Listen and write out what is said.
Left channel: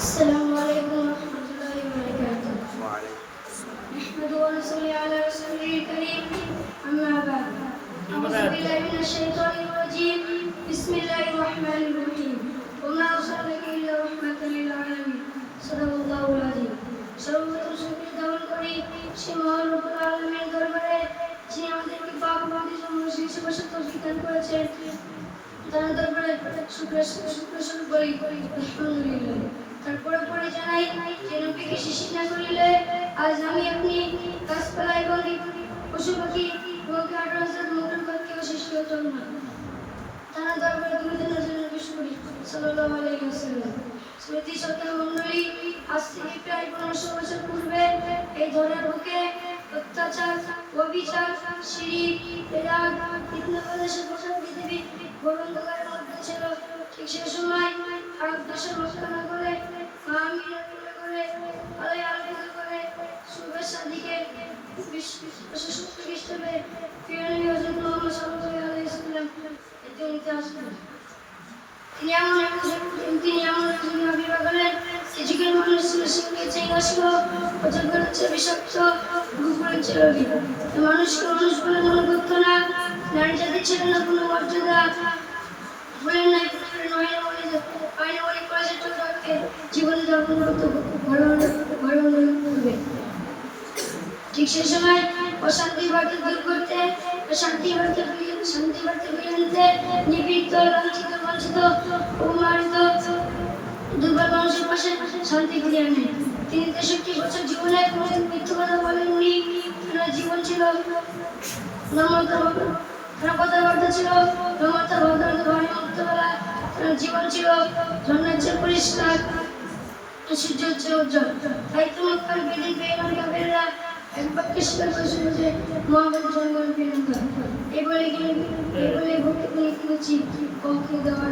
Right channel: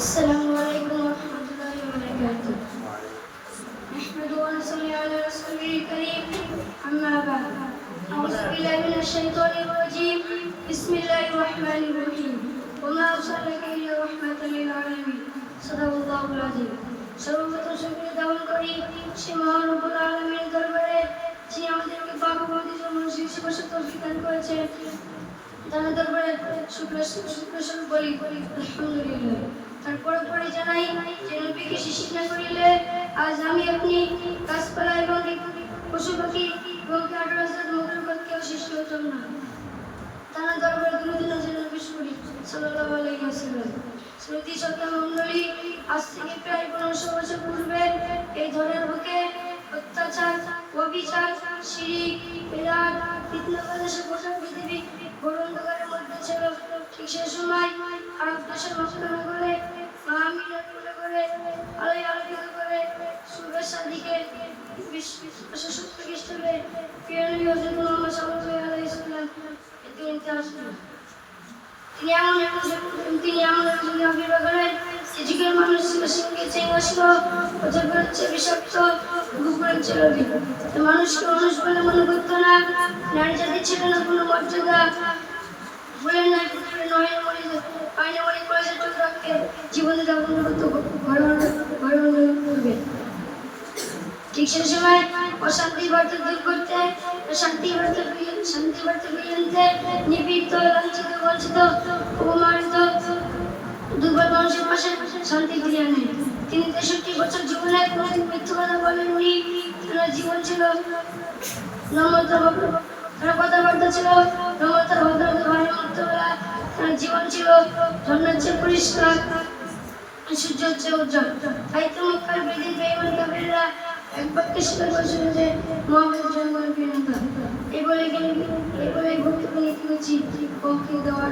السلام عليكم ورحمة الله وبركاته. نحمد ونصلي على رسوله الكريم. أما بعد، أعوذ بالله من الشيطان الرجيم. بسم الله الرحمن الرحيم. وما أرسلناك إلا رحمة للعالمين. صدق الله العظيم. সর্বপ্রথম শুকরিয়া জ্ঞাপন করি সে মহান রব্বুল আলামিনের দরবারে, যিনি আমাদেরকে পাক পবিত্র মানুষ হিসেবে তৌফিক দান করেছেন। তার দরবারে শুকরিয়া বলি আলহামদুলিল্লাহ। তারপরে পরে জানাই যে নবীকে শিশির না করিলে আজ আমি আপনি গাছপালা এবং পশু পাখি এবং কেউ সৃষ্টি হতাম না। তার দরবারে দুরূদ নজর পেশ করি সাল্লাল্লাহু আলাইহি ওয়াসাল্লাম। শ্রুতি শ্রোতা মণ্ডলী, আজ থেকে প্রায় 1500 বছর পূর্বে এই ধরনের বুকে অত্যাচার, অবিচার, শিরিক, বিদআত, ফিতনা বাতাসে গোটা পৃথিবী ঘোর অন্ধকারের মধ্যে ছিল। ঠিক সে সময় আরব দেশের মক্কা নগরে আমিনার কোলে করে আলোয় আলোকিত করে শুভেচ্ছার দিকে খ্রিস্টাব্দে প্রিয় নবী হযরত মুহাম্মদ সাল্লাল্লাহু আলাইহি ওয়াসাল্লাম দুনিয়াতে আসলেন। তিনি এমন একজন আবির্ভাব হলেন যে যুগের মানুষ ছিল সিংহের চেয়ে হিংস্র, অজগরের চেয়ে বিষাক্ত, কুকুরের চেয়ে লোভী। মানুষকে মানুষ বলে মনে করতো না। নারী জাতির ছিল না কোনো মর্যাদা। বলেন নাই আইনে মনে করেছে চোখকে জীবনে যাপন করতো ঘরে করবে। ঠিক সেই সময় অশান্তি বার্তা দূর করতে, শান্তি বার্তা ফিরিয়ে আনতে নিপীড়িত, লাঞ্ছিত, বঞ্চিত, অপমানিত দুর্বল মানুষের পাশে শান্তি ফিরিয়ে আনেন। তিনি 63 বছর জীবনে কোনোদিন মিথ্যা কথা বলেননি। জীবন ছিল নম্রতা, কথাবার্তা ছিল নম্রতা, ভদ্রতা, ভয়মুক্ত বলা। জীবন ছিল ঝর্ণার চেয়ে পরিষ্কার, সূর্যের চেয়ে উজ্জ্বল। তাই তো মক্কার বেদী বেঈমান কাফেররা এক বাক্যে স্বীকার করেছিল যে মুহাম্মদ জন্মের পেগম্বর। এই বলে বক্তব্য নীতি উচিত কমকে দেওয়া